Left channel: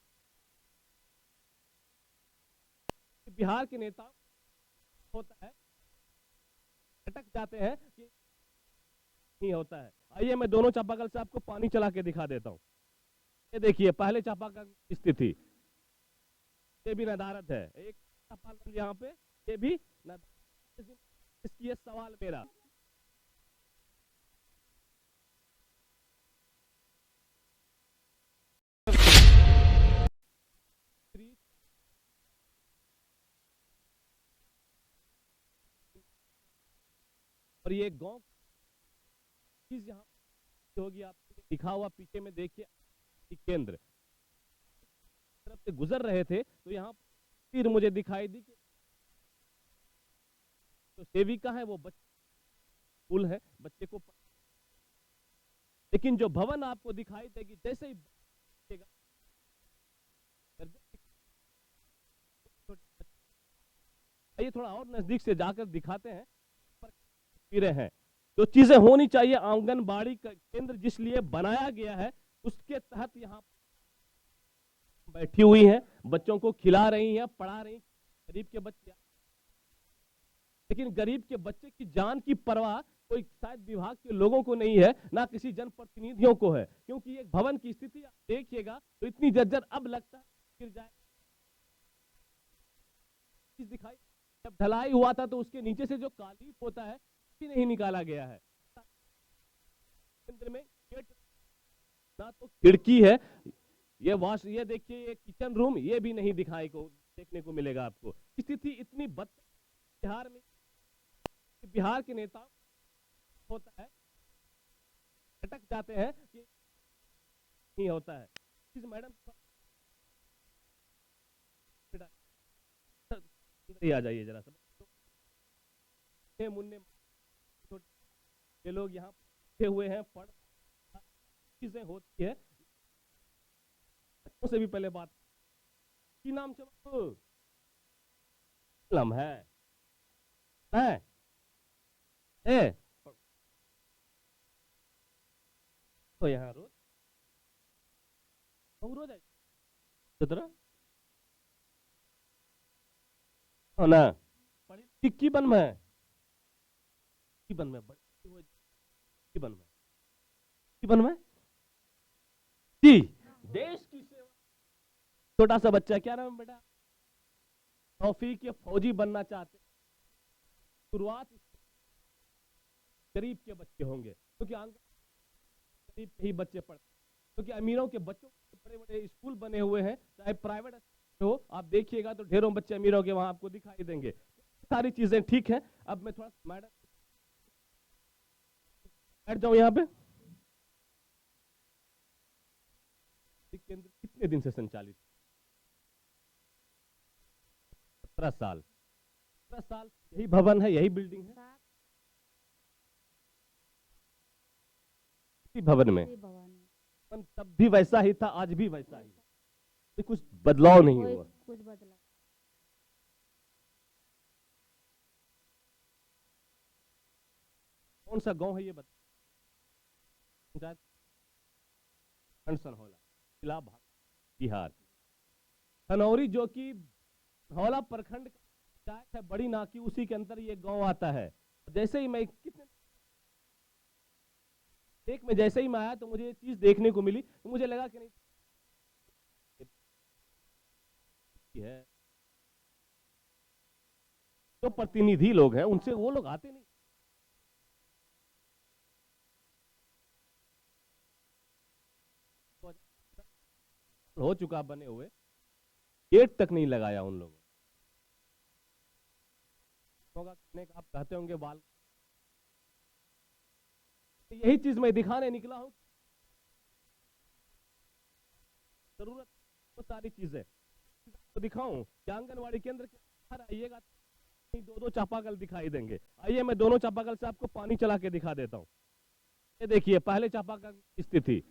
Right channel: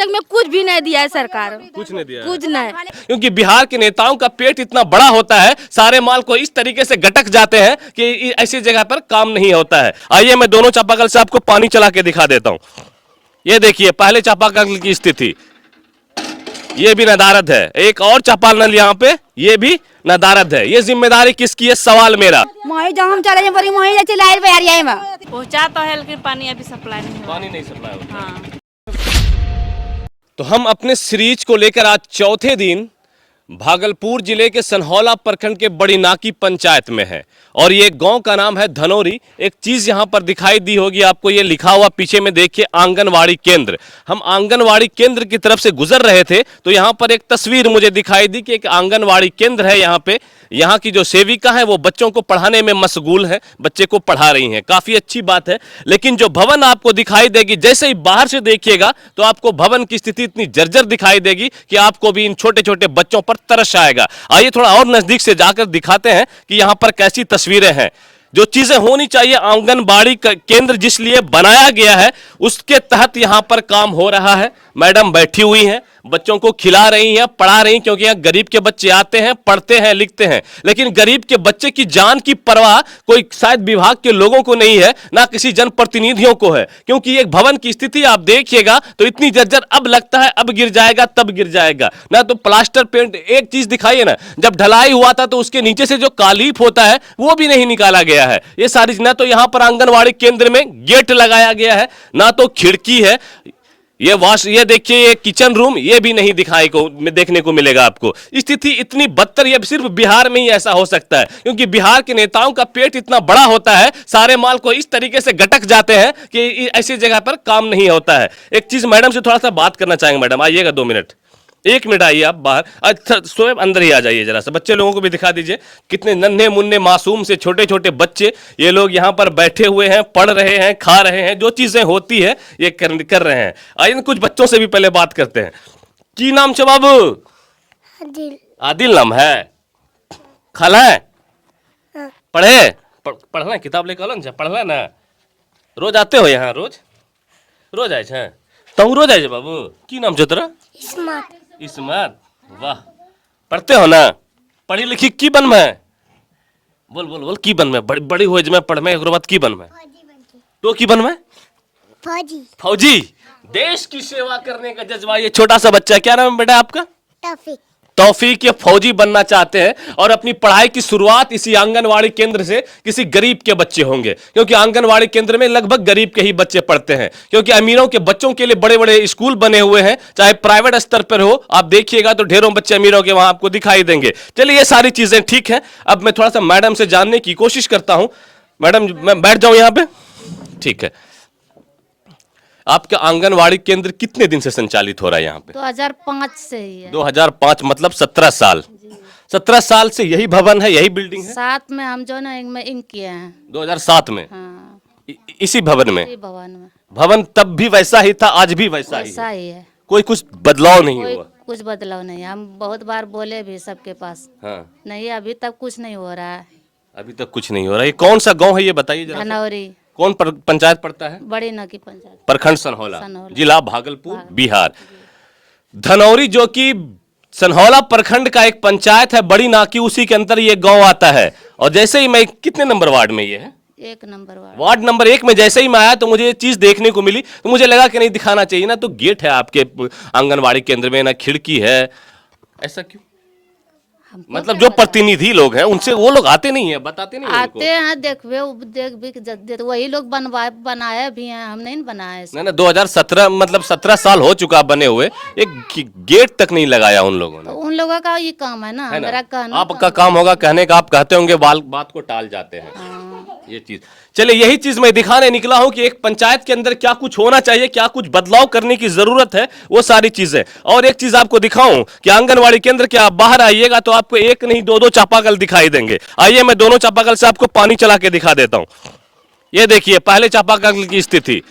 तक में कुछ भी नहीं दिया है सरकार, कुछ नहीं दिया, कुछ नहीं। क्योंकि बिहार के नेताओं का पेट इतना बड़ा होता है, सारे माल को इस तरीके से गटक जाते हैं कि ऐसी जगह पर काम नहीं होता है। आइए मैं दोनों चापाकल से आपको पानी चला के दिखा देता हूं। ये देखिए पहले चापाकल की स्थिति, ये भी नदारद है। एक और चापाकल यहाँ पे, ये भी नदारद है। ये जिम्मेदारी किसकी है, सवाल मेरा। हम चले पहुंचा तो है लेकिन पानी अभी सप्लाई नहीं हुआ। पानी नहीं सप्लाई होता। हाँ। तो हम अपने सीरीज को लेकर आज चौथे दिन भागलपुर जिले के सनहौला प्रखंड के बड़ी नाकी पंचायत में है और ये गांव का नाम है धनौरी। एक चीज यहां पर दिखाई दी होगी आपको, ये लिखा हुआ पीछे में देखिए आंगनवाड़ी केंद्र। हम आंगनवाड़ी केंद्र की तरफ से गुजर रहे थे तो यहां पर एक तस्वीर मुझे दिखाई दी कि एक आंगनवाड़ी केंद्र है। यहाँ पे यहाँ की जो सेविका है वो बच्चों को पढ़ाने में मशगूल है, बच्चे को पढ़ा रही हैं, काफी अच्छी बात है। लेकिन जो भवन आपको दिखाई देगी, जैसे ही बाहर से देखिएगा तो आपको भवन की स्थिति इतनी जर्जर दिखाई देगी कि आपको भी इन छोटे छोटे बच्चों पर तरस आएगा। आइए थोड़ा और नजदीक से जाकर दिखाते हैं कि यहाँ पर कैसी तस्वीरें हैं। जो चीजें होनी चाहिए आंगनबाड़ी केंद्र जिस लिए बनाया गया है उसके तहत यहाँ पर काम हो रहा है। मैडम बैठी हुई हैं, बच्चों को खिला रही हैं, पढ़ा रही हैं, क्योंकि यहाँ गरीब के बच्चे आते हैं, पढ़ते हैं, लिखते हैं। लेकिन गरीब के बच्चे की जान की परवाह कोई शायद विभाग के लोगों को नहीं है, ना किसी जनप्रतिनिधियों को है। क्योंकि एक भवन की स्थिति आप देखिएगा तो इतनी जर्जर, अब लगता है अब गिर जाएगा तब गिर जाएगा। ना तो प्लास्टर पेंट, एक चीज दिखाइए ना, जब ढलाई हुआ था तो उसके नीचे से जो कालीप होता है वो भी नहीं निकाला गया है। ये सारी, ना तो यहाँ पर आंगनवाड़ी केंद्र में गेट लगाया गया है, ना तो खिड़की है। ये देखिए ये किचन रूम, ये भी नहीं देखने को मिलेगा आपको। स्थिति इतनी बदतर, ये सिर्फ बिहार में ही ऐसा हो सकता है, क्योंकि बिहार के नेताओं का पेट इतना बड़ा होता है, सारे माल को इस तरीके से गटक जाते हैं कि ऐसी जगह पर काम नहीं होता है। एक चीज मैडम से थोड़ा सा बात करना चाहेंगे। मैडम आइएगा 2 मिनट, 1 मिनट आइए आप बाहर। अच्छा स्वयं अंदर ही आ जाइए, जरा सा बच्चे लोगों को भी दिखा दीजिए। कितने नन्हे मुन्ने मासूम से छोटे छोटे बच्चे ये लोग यहाँ पर बैठे हुए हैं, पढ़ रहे हैं, खा रहे हैं, जो चीजें होती है ये कर रहे हैं। आइए कुछ बच्चों से भी पहले बात करते हैं। की नाम छे बाबू? आदिल। आदिल नाम है। खाला है? पढ़े पढ़ना किताब लेकर आलो, पढ़ला ना? रोज आते हो यहाँ? रोज आए छे? तू रोज आए बाबू? की नाम छे तोरा? इस्मात। वाह, पढ़ते हो ना? पढ़ी लिखी की बन में? बोल बोल बोल, की बन में? बड़ी हो जमे पढ़ में, एक बाद की बन में? तो की बन में? फौजी। फौजी। देश की सेवा करने का जज्बा ये छोटा सा बच्चा, क्या नाम है बेटा आपका? तौफीक। ये फौजी बनना चाहते हैं और अपनी पढ़ाई की शुरुआत इसी आंगनवाड़ी केंद्र से किसी गरीब के बच्चे होंगे, क्योंकि आंगनवाड़ी केंद्र में लगभग गरीब के ही बच्चे पढ़ते हैं। क्योंकि अमीरों के बच्चों के लिए बड़े बड़े स्कूल बने हुए हैं, चाहे प्राइवेट स्तर पर हो, आप देखिएगा तो ढेरों बच्चे अमीरों के वहां आपको दिखाई देंगे। चलिए ये सारी चीजें ठीक है, अब मैं थोड़ा सा मैडम से जानने की कोशिश करता हूं। मैडम मैं बैठ जाऊं यहाँ पे? ठीक है। आपका आंगनवाड़ी केंद्र कितने दिन से संचालित हो रहा है यहाँ पे? 2005 से ही है। 2005 मतलब 17 साल। 17 साल से यही भवन है, यही बिल्डिंग है? साथ में हम जो ना इंक किए हैं 2007 में। हाँ। इसी भवन में? इसी भवन में। भवन तब भी वैसा ही था, आज भी वैसा ही है। कोई कुछ बदलाव नहीं हुआ? कुछ बदलाव नहीं। हम बहुत बार बोले भी सबके पास। हाँ। नहीं, अभी तक कुछ नहीं हो रहा है। अभी तक कुछ नहीं हो रहा है। ये कौन सा गांव है ये बताइए जरा? धनौरी। कौन पंचायत पड़ता है? बड़ी नाकी पंचायत, प्रखंड सनहौला, जिला भागलपुर, बिहार। धनौरी जो कि सनहौला प्रखंड का एक पंचायत है, बड़ी नाकी, उसी के अंदर ये गांव आता है। और जैसे ही मैं, कितने नंबर वार्ड में ये है? 1 नंबर वार्ड नंबर 1 में जैसे ही मैं आया तो मुझे ये चीज देखने को मिली, तो मुझे लगा कि नहीं दिखाना चाहिए ना। तो गेट है आपके आंगनबाड़ी केंद्र में, ना खिड़की है, ऐसा क्यों? मतलब जो प्रतिनिधि लोग हैं उनसे वो लोग आते नहीं है, बताते नहीं आते हैं, देख वही लोग बनाए भी हैं, हम नहीं बनाए। ना 2017 मतलब 17 साल हो चुका बने हुए, एक गेट तक नहीं लगाया उन लोगों ने। तो उन लोगों का ये काम है ना, मेरा कहना। आपका काम होगा कहने का, आप कहते होंगे, बात को टाल जाते हैं। हाँ। ये चीज, चलिए यही चीज मैं दिखाने निकला हूं कि एक पंचायत के अंदर क्या कुछ होना चाहिए, क्या कुछ बदलाव करने की जरूरत है, वो सारी चीजें। और एक चीज आपको दिखाऊं कि आंगनवाड़ी केंद्र के आप बाहर आइएगा तो आपको एक नहीं 2-2 चापाकल दिखाई देंगे। आइए मैं दोनों चापाकल से आपको पानी चला के दिखा देता हूं। ये देखिए पहले चापाकल की स्थिति,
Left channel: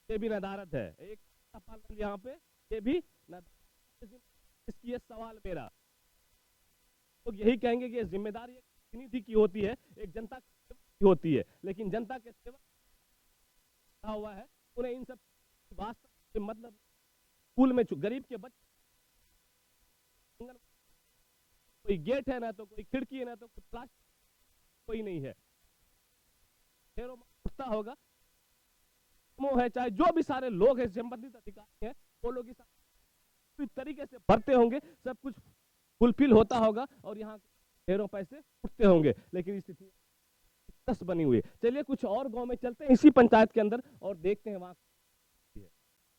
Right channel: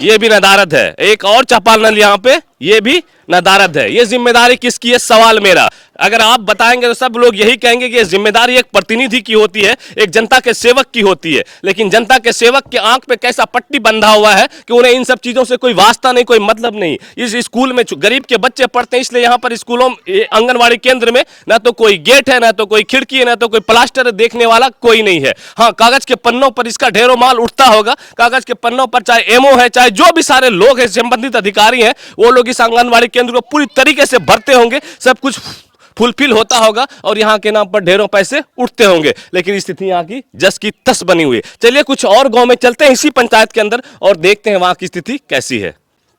ये भी नदारद है। एक और चापाकल यहाँ पे, ये भी नदारद है। ये जिम्मेदारी किसकी है, सवाल मेरा। अगर आप बताएंगे तो सब लोग यही कहेंगे कि ये जिम्मेदारी एक प्रतिनिधि की होती है, एक जनता के सेवक की होती है। लेकिन जनता के सेवक के आंख पे कैसा पट्टी बंधा हुआ है कि उन्हें इन सब चीजों से कोई वास्ता नहीं, कोई मतलब नहीं। इस स्कूल में गरीब के बच्चे पढ़ते हैं, इसलिए यहाँ पर स्कूलों आंगनबाड़ी केंद्र में ना तो कोई गेट है, ना तो कोई खिड़की है, ना तो कोई प्लास्टर देखने वाला कोई नहीं है। हाँ, कागज के पन्नों पर इसका ढेरों माल उठता होगा, कागज के पन्नों पर चाहे एमओ है, चाहे जो भी सारे लोग हैं, संबंधित अधिकारी हैं, वो लोग इस आंगनबाड़ी केंद्र को पूरी तरीके से भरते होंगे, सब कुछ फुलफिल होता होगा और यहाँ के नाम पर ढेरों पैसे उठते होंगे। लेकिन स्थिति यहाँ की जस की तस बनी हुई है। चलिए कुछ और गांव में चलते हैं इसी पंचायत के अंदर और देखते हैं वहां की स्थिति कैसी है।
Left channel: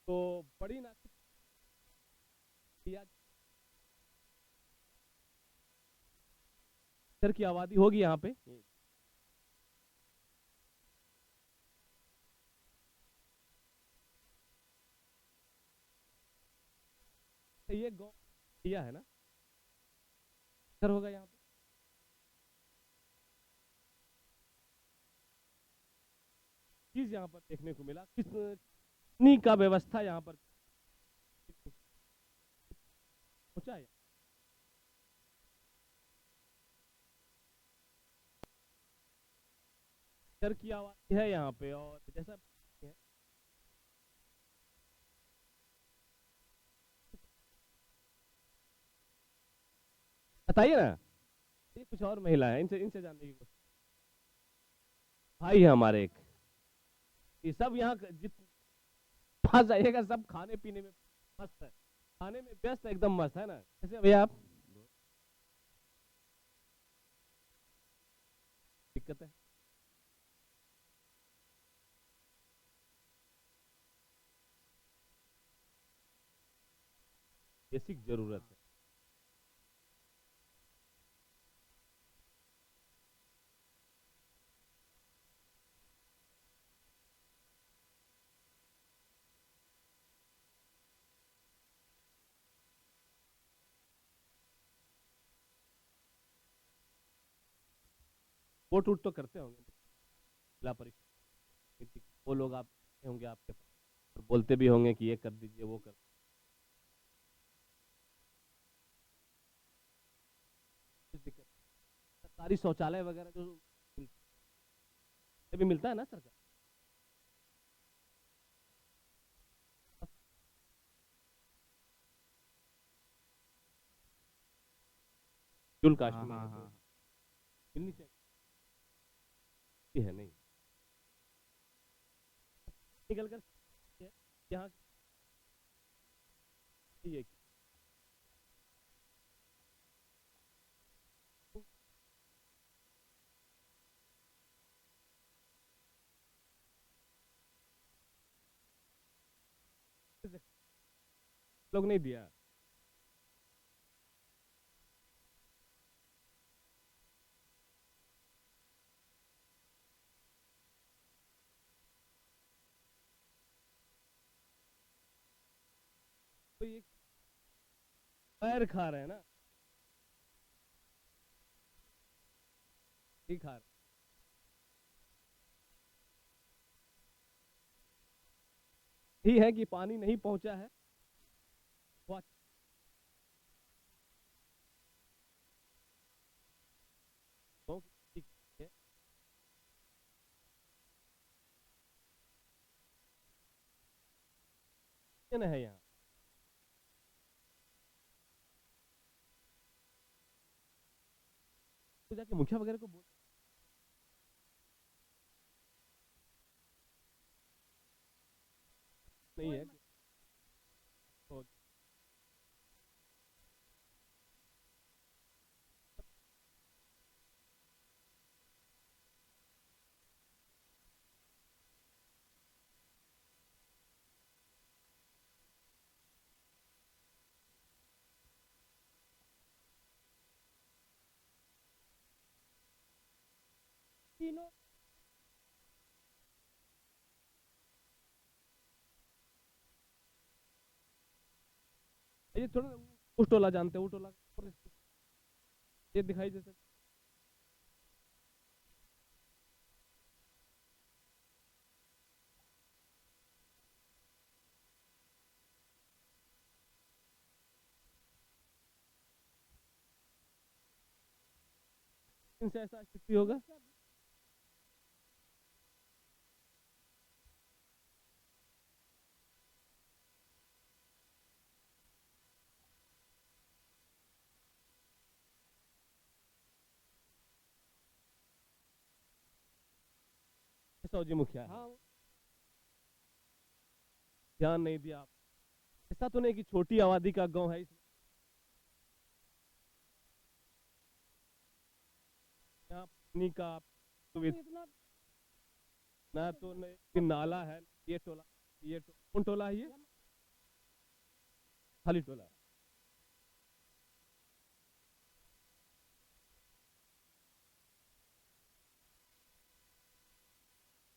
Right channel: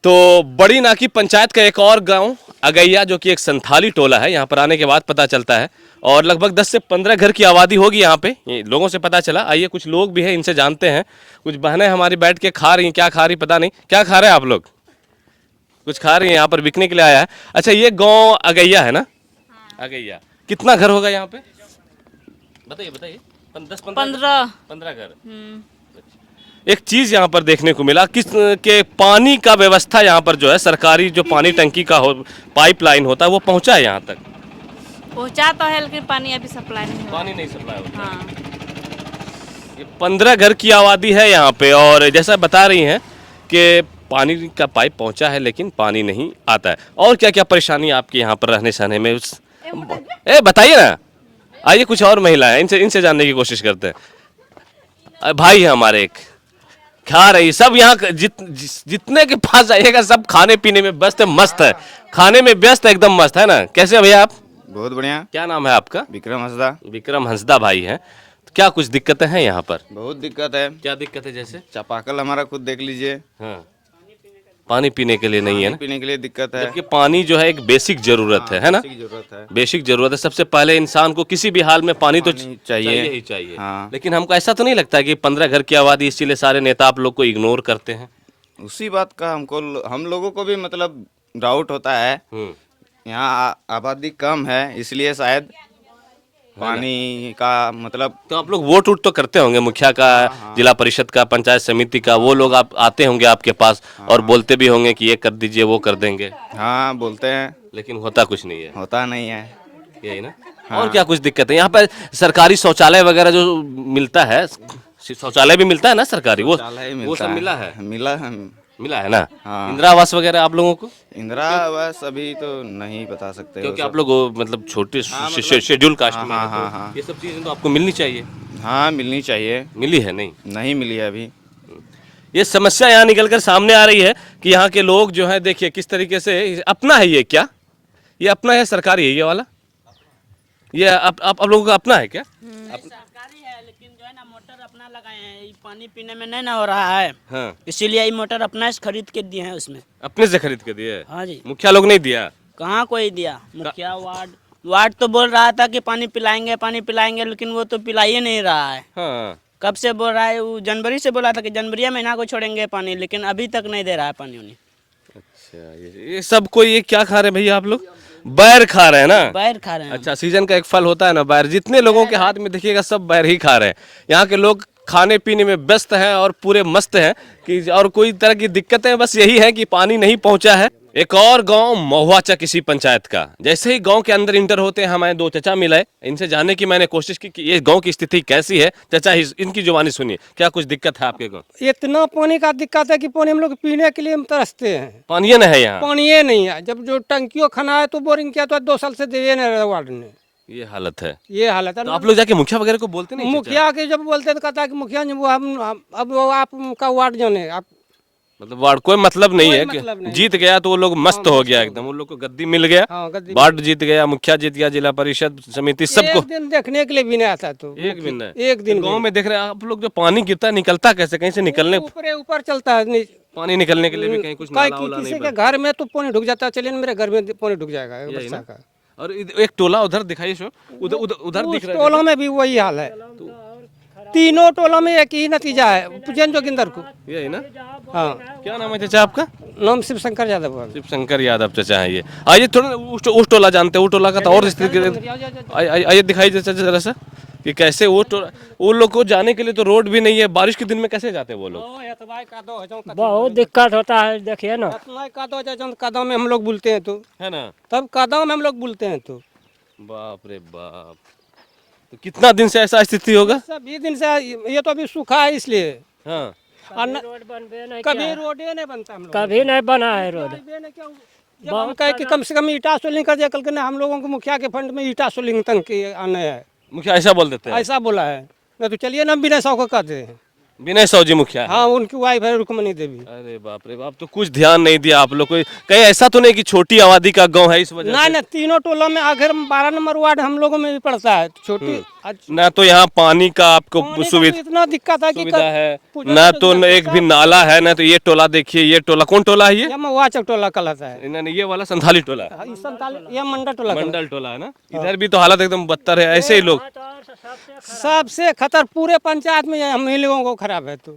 तो बड़ी नाकी पंचायत का एक और गांव अगैया, जो कि एक संथाली टोला है, यहाँ पर आने के बाद पता चलता है, और लगभग 10 से 15 घर की आबादी होगी यहाँ पे, ये लोगों से पता चला। आइए कुछ लोग भी हैं, इनसे जानते हैं। कुछ बहनें हमारी बैठ के खा रही हैं, क्या खा रही पता नहीं। क्या खा रहे हैं आप लोग? कुछ खा रही हैं, यहाँ पर बिकने के लिए आया है। अच्छा, ये गाँव अगैया है ना? अगैया। कितना घर होगा यहाँ पे? बताइए बताइए। 15 घर। एक चीज यहाँ पर देखने को मिला किस के पानी का व्यवस्था यहाँ पर जो है, सरकारी जो पानी टंकी का पाइपलाइन होता है वो पहुँचा है यहाँ तक? पहुंचा तो है लेकिन पानी अभी सप्लाई नहीं हुआ। पानी नहीं सप्लाई होता। हाँ। ये 15 घर की आबादी है यहाँ पे, और जैसा बता रही हैं कि पानी का पाइप पहुँचा है लेकिन पानी नहीं आता है। और क्या क्या परेशानी आपके यहाँ पर रहने सहने में? बताइए ना। आइए कुछ और महिला है, इनसे जानने की कोशिश करते हैं। भाई है हमारे, एक खा रही, सब यहाँ जितने के पास जाइएगा सब खाने पीने में व्यस्त है, मस्त है, खाने में व्यस्त है, एकदम मस्त है ना। कैसे है भैया आप? बहुत बढ़िया। क्या नाम है आपका? विक्रम हंसदा। विक्रम हंसदा भाई हैं। तो क्या कुछ दिक्कतें हैं यहाँ पर? बहुत दिक्कत है। क्या दिक्कत है? जैसे चापाकल हमारा खुद देख लीजिए। हाँ, पानी पीने के लिए नहीं है ना? पीने के लिए दिक्कत है। जबकि पानी जो है एक बेसिक जरूरत है ना? जरूरत है। बेसिक जरूरत है। सबसे पहले इंसान को किसी भी हाल में पानी तो चाहिए ही चाहिए। हाँ। लेकिन हमको ऐसा तो नहीं लगता कि 15 घर की आबादी, इसीलिए सारे नेता आप लोग को इग्नोर करते हैं? उसी बात का हम लोगों को भी मतलब डाउट होता है। यहाँ आबादी कम है इसलिए शायद पानी का मतलब। तो आप लोग वोट तो करते होंगे, मुखिया का, जिला परिषद का, पंचायत समिति का, वो लोग आप आते होंगे आपके पास और बोलते भी होंगे कि ये कर दीजिए, वो कर देंगे। हाँ, बोलते हैं लेकिन होता कुछ नहीं है। होता नहीं है। यही ना? और क्या कुछ दिक्कत है यहाँ पर? सरकारी शौचालय वगैरह जो मिलता है, शौचालय भी मिलता है ना सरकारी, वो सब मिला है? मिला है ना? हाँ। इंदिरा आवास वगैरह आप लोगों को? इंदिरा आवास अभी तो नहीं बता सकते, क्योंकि आप लोग मतलब छोटे शेड्यूल कास्ट में हैं, तो ये सब चीजें तो आपको मिलनी चाहिए। हाँ, मिलनी चाहिए। मिली है नहीं? नहीं मिली है अभी। ये समस्या यहाँ निकलकर सामने आ रही है कि यहाँ के लोग जो है, देखिए किस तरीके से अपना है। ये क्या, ये अपना है? सरकारी है ये वाला? ये आप लोगों का अपना है क्या? सरकारी है लेकिन जो है ना मोटर अपना लगाए हैं, ये पानी पीने में नहीं ना हो रहा है। हाँ। इसीलिए ये मोटर अपना से खरीद के दिए हैं उसमें। अपने से खरीद के दिए? हाँ जी। मुखिया लोग नहीं दिया? कहाँ कोई दिया? मुखिया वार्ड तो बोल रहा था कि पानी पिलाएंगे, लेकिन वो तो पिला ही नहीं रहा है। हाँ। कब से बोल रहा है? वो जनवरी से बोला था कि जनवरी महीना को छोड़ेंगे पानी, लेकिन अभी तक नहीं दे रहा है पानी उन्हें। अच्छा, ये सब कोई ये क्या खा रहे हैं भैया आप लोग? बैर खा रहे हैं ना? बैर खा रहे हैं। अच्छा, सीजन का एक फल होता है ना बैर, जितने लोगों के हाथ में देखिएगा सब बैर ही खा रहे हैं। यहाँ के लोग खाने पीने में व्यस्त हैं और पूरे मस्त हैं कि, और कोई तरह की दिक्कतें बस यही है कि पानी नहीं पहुंचा है। एक और गांव महुआचक इसी पंचायत का, जैसे ही गांव के अंदर इंटर होते हैं हमें दो चचा मिले, इनसे जानने की मैंने कोशिश की कि ये गांव की स्थिति कैसी है। चचा इनकी जुबानी सुनिए, क्या कुछ दिक्कत है आपके गांव? इतना पानी का दिक्कत है कि पानी हम लोग पीने के लिए हम तरसते हैं। पानी नहीं है यहाँ? पानी नहीं है। जब जो टंकियों खना है तो बोरिंग किया तो 2 साल से दे नहीं रहा वार्ड ने। ये हालत है। ये हालत है। तो आप लोग जाके मुखिया वगैरह को बोलते नहीं? मुखिया के जब बोलते तो कहता है कि मुखिया जी वो हम अब वो आपका वार्ड जाने आप, मतलब वार्ड कोई मतलब नहीं कोई है मतलब कि नहीं। जीत गया तो वो लोग मस्त हो गया एकदम, उन लोग को गद्दी मिल गया, हाँ, गद्दी वार्ड जीत गया, मुखिया जीत गया, जिला परिषद समिति सबको। एक दिन देखने के लिए भी नहीं आता। तो एक दिन है? एक दिन गांव में देख रहे हैं आप लोग, जो पानी गिरता है निकलता कैसे? कहीं से निकलने, ऊपर चलता है पानी निकलने के लिए भी कहीं कुछ नाला वाला किसी नहीं के घर में तो पानी ढुक जाता है। चलिए मेरे घर में पानी ढुक जाएगा वर्षा का। और एक टोला उधर दिखाई शो, उधर दिख रहा है। टोलों में भी वही हाल है। तीनों टोलों में एक ही नतीजा है, जैन जोगिंदर को। यही ना? हाँ। क्या नाम है चाचा आपका? नाम शिव शंकर यादव है। शिव शंकर यादव चाचा है ये। आइए थोड़ा उस टोला जानते हैं, वो टोला का तो और स्थिति। आइए दिखाई चाचा जरा सा कि कैसे वो लोग को जाने के लिए तो रोड भी नहीं है। बारिश के दिन में कैसे जाते हैं वो लोग? बहुत दिक्कत होता है, देखिए ना। कादो में हम लोग बुलते हैं तो है ना? तब कादो में हम लोग बुलते हैं तो बाप रे बाप। तो कितना दिन से ऐसा स्थिति होगा? सब 20 दिन से ये तो अभी सूखा है इसलिए। हाँ और न- रोड बनबे नहीं कभी किया है। रोड ही नहीं बनता हम लोग कभी नहीं बना है रोड। जब हम कहे कि कम से कम ईटा सोलिंग कर दिया, कल के ना हम लोगों को मुखिया के फंड में ईटा सोलिंग तक के आने है, मुखिया ऐसा बोल देते हैं? ऐसा बोला है। नहीं तो चलिए ना बिना सौ को कहते हैं। विनय सौजी मुखिया है। हाँ, उनकी वाइफ है रुक्मणी देवी। अरे बाप रे बाप, तो कुछ ध्यान नहीं दिया आप लोग को? कहीं ऐसा तो नहीं कि छोटी आबादी का गांव है इस वजह नहीं से? ना, तीनों टोलों में आखिर 12 नंबर वार्ड हम लोगों में भी पड़ता है। छोटी ना तो यहाँ पानी का आपको पानी का सुविधा इतना दिक्कत है कि सुविधा है, पूजा ना के तो दिन एक भी नाला है, ना तो ये टोला देखिए, ये टोला कौन टोला है ये? ये महुआचक टोला कहलाता है। इन्होंने ये वाला संथाली टोला, ये ये मंडल टोला कहलाता मंडल टोला है ना। इधर भी तो हालत एकदम बदतर है, ऐसे ही लोग है। सबसे खतर पूरे पंचायत में हम ही लोगों को खराब है। तो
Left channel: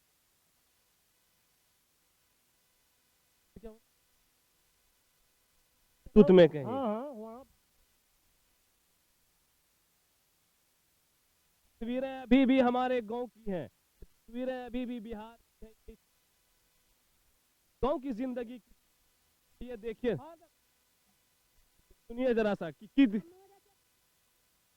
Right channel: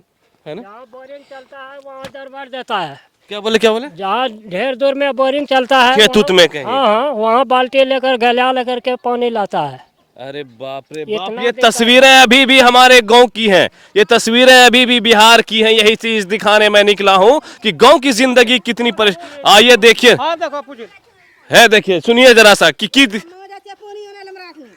है ना। जहाँ बोरिंग चलता है वहाँ दरबार देता है। क्या बोले क्या बोले? जहाँ ढेर दूर में बोरिंग चलता है खेत उत में कहीं? हाँ हाँ, वहाँ बाल्टी लेकर गलिया लेकर के पानी लाता है। अरे बाप रे इतना बाप, ये दिक्कत तस्वीरें अभी भी हमारे गांव की हैं, ये तस्वीरें अभी भी बिहार की हैं। यही चीज दिखाने मैं निकला हूं कि गांव की जिंदगी कितनी आइए देखिए, हाँ देखो पूछिए। है देखिए, सुनिए जरा सा कि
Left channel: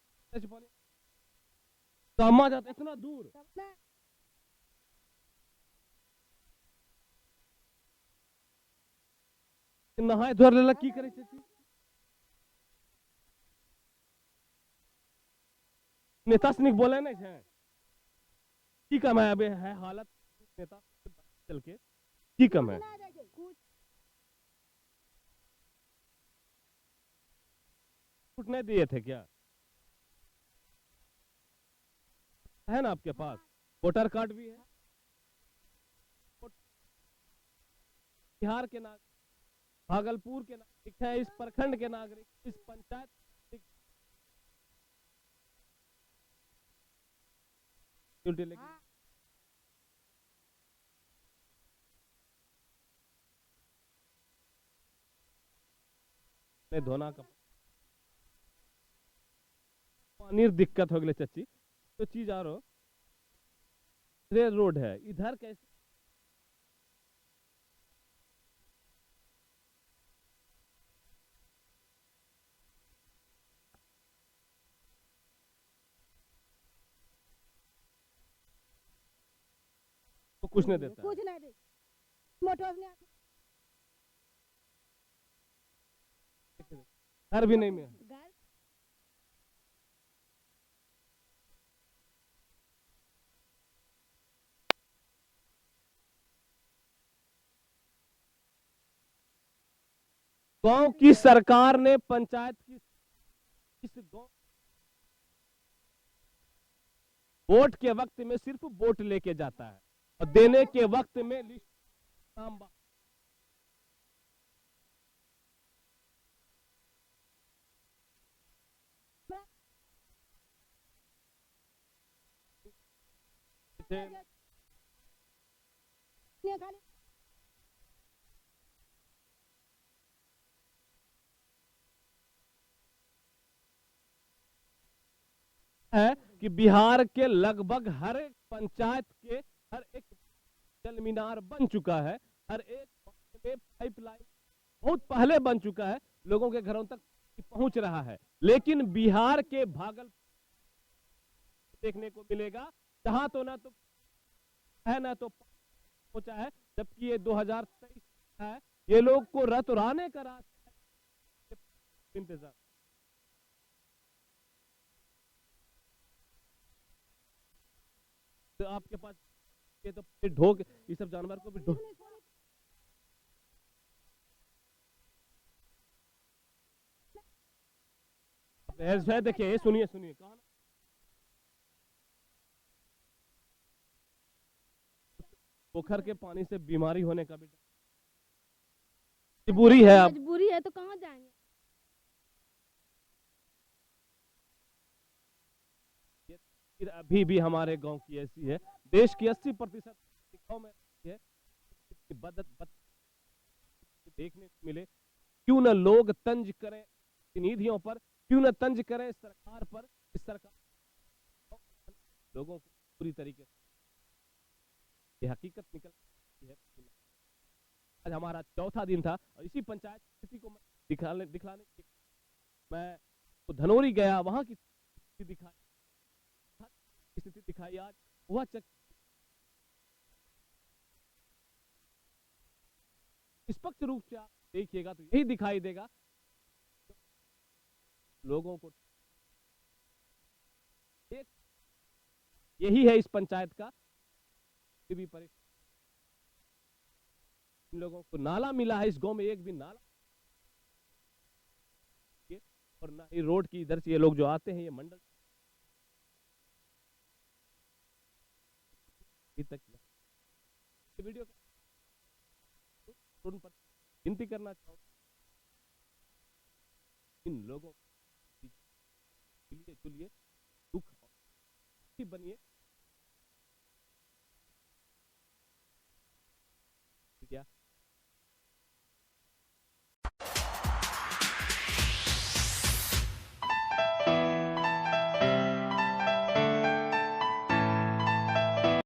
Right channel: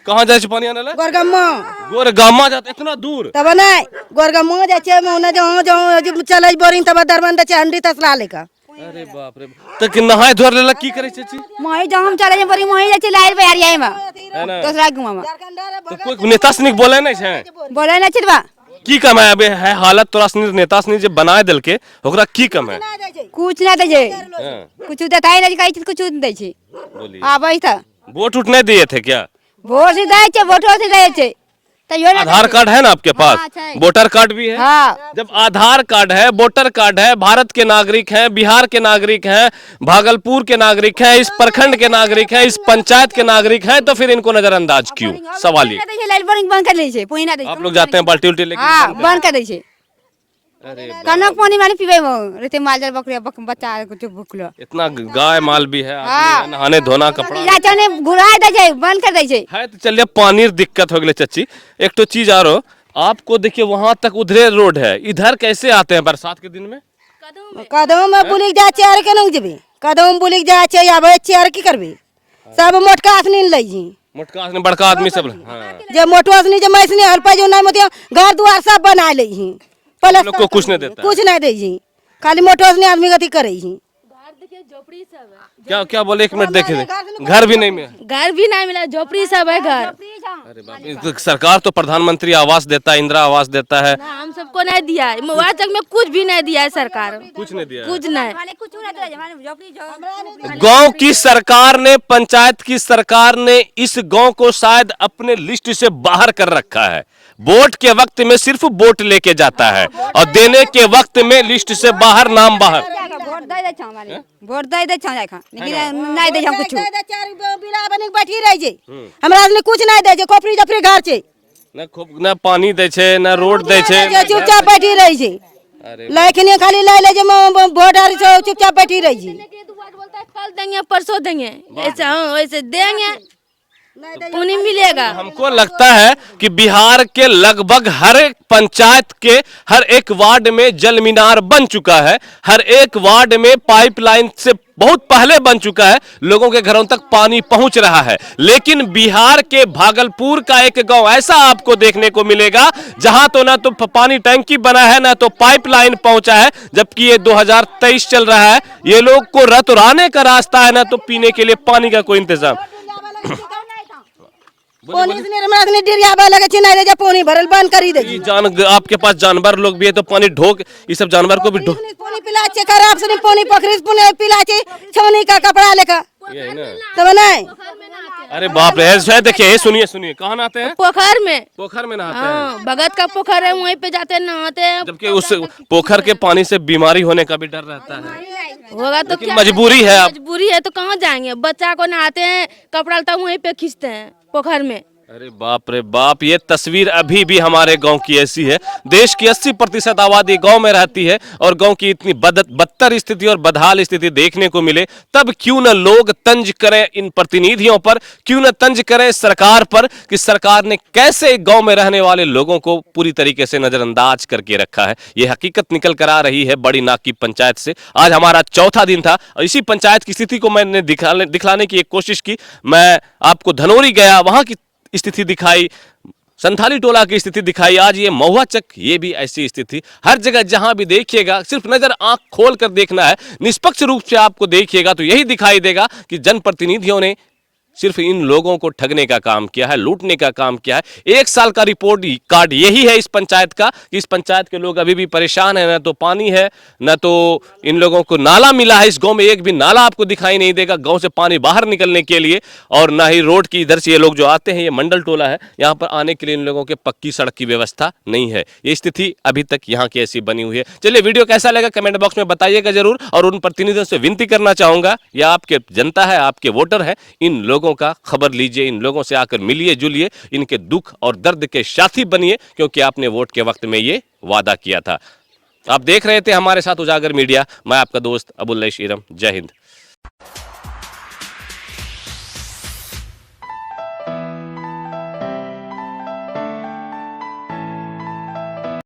कहाँ जाए पानी आने लगा? गोरगम्मा गोरगामा जाते इतना दूर? तब नहीं गोरगम्मा जाचे मोना जो चले बोरिंग तब दरबंद छे हंडी तसला लेका। अरे बाप रे बाप, तो कि नहाए धोर लेला की करे चाची? मोही जो हम चले बोरिंग मोही जाचे लाइर पे यार में है ना। दूसरा गुमा में तो कोई नेता सनिक बोले नहीं छे? बोले ना छिरबा की कम है अबे है हालत तोरा सनी नेता सनी जे बनाए दिल के ओकरा की कम है? कुछ ना दे जे हाँ, कुछ देता है ना कई चीज कुछ दे छे। बोलिए। हां भाई था वोट उठने दिए थे क्या? वोट से दे छे वोटो से दे छे तो यो ना आधार कार्ड है ना आपके पास? हाँ, अच्छा है। वोटर कार्ड भी है? हां जब आधार कार्ड है, वोटर कार्ड है, भारत के नागरिक हैं, बिहार के नागरिक हैं, भागलपुर के नागरिक हैं, इस प्रखंड के नागरिक हैं, इस पंचायत के नागरिक हैं, तो फिर इनको नजरअंदाज क्यों? सवाल ये। लाइट बोरिंग बंद कर ले छे पोई ना दे। आप लोग जाते हैं बाल्टी उल्टी लेके? हां बंद कर दे छे। अरे कनक पानी माने पीबे वो रहते मालजर बकरिया बच्चा कुछ भूखलो इतना गाय माल भी है, आदमी है, नहाने धोना कपड़ा जाचे ने घुराए दे छे बंद कर दे छे। है। तो चलिए पानी दिक्कत हो गई चच्ची। एक तो चीज आरो आपको देखिए, वहां तक उधरे रोड है, इधर कैसे आते हैं बरसात के दिन में? कदम में बुलिक जाचे आर केन जेबे कदम बुलिक जाचे आबे छे आर की करबे सब मोटका आसनी लई जी मोटका आदमी बड़का आदमी सब। हाँ, जे मोटो आसनी जे मैसनी हल्पा जो नहीं मतिया घर द्वार सब बना ले जी हम लोग को कुछ नहीं देता है। कुछ नहीं दे जी खाली मोटो आसनी आदमी गति करे जी। क्या क्या बोले? एक मिनट देखे घर भी नहीं मिला। घर भी नहीं मिला, झोपड़ी सब है घर। अरे बाप रे, तो सरकार तो प्रधानमंत्री आवास देता है, इंदिरा आवास देता है, ना, हम सबको नहीं दिया है, मुआवजा में कुछ भी नहीं दिया है सरकार, कुछ नहीं दिया है। कुछ नहीं। गांव की सरकार ने, पंचायत की सरकार ने इस गांव को शायद अपने लिस्ट से बाहर कर रखा है। वोट के वक्त में सिर्फ वोट लेके जाता है और देने के वक्त में लिस्ट से बाहर, नाम बाहर। वोट दे छा माने वोट दे छा जाखा लेकिन नहीं दे हम कुछ बिला बनी बैठी रह जे हमरा आदमी कुछ नहीं दे जे खोपड़ी जफरी घर छे ना पानी दे छे, ना रोड दे छे। चुपचाप बैठी रही छे लेकिन खाली ले ले जे वोट आर चुपचाप बैठी रही छे। कल देंगे परसों देंगे, ऐसा वैसे देंगे, पुण्य मिलेगा। हमको लगता है कि बिहार के लगभग हर एक पंचायत के हर एक वार्ड में जल मीनार बन चुका है, हर एक वार्ड में पाइपलाइन से बहुत पहले बन चुका है, लोगों के घरों तक पानी पहुंच रहा है। लेकिन बिहार के भागलपुर का एक गांव ऐसा आपको देखने को मिलेगा जहां तो ना तो पानी टैंकी बना है, ना तो पाइपलाइन पहुंचा है, जबकि ये 2023 चल रहा है। ये लोग को रतुराने का रास्ता है, ना तो पीने के लिए पानी का कोई इंतजाम। पानी से हमरा ने डिरिया बा लगे छिना दे जे पानी भरल बंद करी दे ये आपके पास जानवर लोग भी है, तो पानी ढोक, ये सब जानवर को भी ढोक। पानी पिला छे खराब से पानी पखरी से पानी पिला छे छौनी का कपड़ा लेका ये है ना। तब नहीं अरे बाप रे, है देखिए, सुनिए सुनिए, कहाँ नहाते हैं? पोखर में। पोखर में नहाते हैं। हाँ, भगत का पोखर है, वहीं पे जाते हैं नहाते हैं। जबकि उस पोखर के पानी से बीमारी होने का भी डर रहता है। होगा तो क्या, मजबूरी है आप। मजबूरी है तो कहाँ जाएंगे? बच्चा को नहाते हैं, कपड़ा लता वहीं पे खींचते हैं पोखर में। अरे बाप रे बाप, ये तस्वीर अभी भी हमारे गांव की ऐसी है। देश की 80% आबादी गांव में रहती है और गांव की इतनी बदतर स्थिति और बदहाल स्थिति देखने को मिले, तब क्यों न लोग तंज करें इन प्रतिनिधियों पर, क्यों न तंज करें सरकार पर कि सरकार ने कैसे गांव में रहने वाले लोगों को पूरी तरीके से नजरअंदाज करके रखा है। ये हकीकत निकल कर आ रही है बड़ी नाकी पंचायत से। आज हमारा चौथा दिन था और इसी पंचायत की स्थिति को मैंने दिखलाने की एक कोशिश की। मैं आपको धनौरी गया, वहां की स्थिति दिखाई, संथाली टोला की स्थिति दिखाई, आज ये महुआ चक, ये भी ऐसी स्थिति। हर जगह जहां भी देखिएगा, सिर्फ नजर आंख खोल कर देखना है, निष्पक्ष रूप से आपको देखिएगा तो यही दिखाई देगा कि जनप्रतिनिधियों ने सिर्फ इन लोगों को ठगने का काम किया है, लूटने का काम किया है। 1 साल का रिपोर्ट कार्ड यही है इस पंचायत का कि इस पंचायत के लोग अभी भी परेशान है। न तो पानी है, न तो इन लोगों को नाला मिला है। इस गांव में एक भी नाला आपको दिखाई नहीं देगा गांव से पानी बाहर निकलने के लिए, और ना ही रोड की इधर से ये लोग जो आते हैं, ये मंडल टोला है, यहाँ पर आने के लिए इन लोगों के पक्की सड़क की व्यवस्था नहीं है। ये स्थिति अभी तक यहाँ की ऐसी बनी हुई है। चलिए, वीडियो कैसा लगा कमेंट बॉक्स में बताइएगा जरूर, और उन प्रतिनिधियों से विनती करना चाहूंगा, या आपके जनता है, आपके वोटर है, इन लोगों का खबर लीजिए, इन लोगों से आकर मिलिए जुलिए, इनके दुख और दर्द के साथी बनिए, क्योंकि आपने वोट के वक्त में ये वादा किया था। आप देख रहे थे हमारे साथ उजागर मीडिया, मैं आपका दोस्त अबुल ईरम। जय हिंद।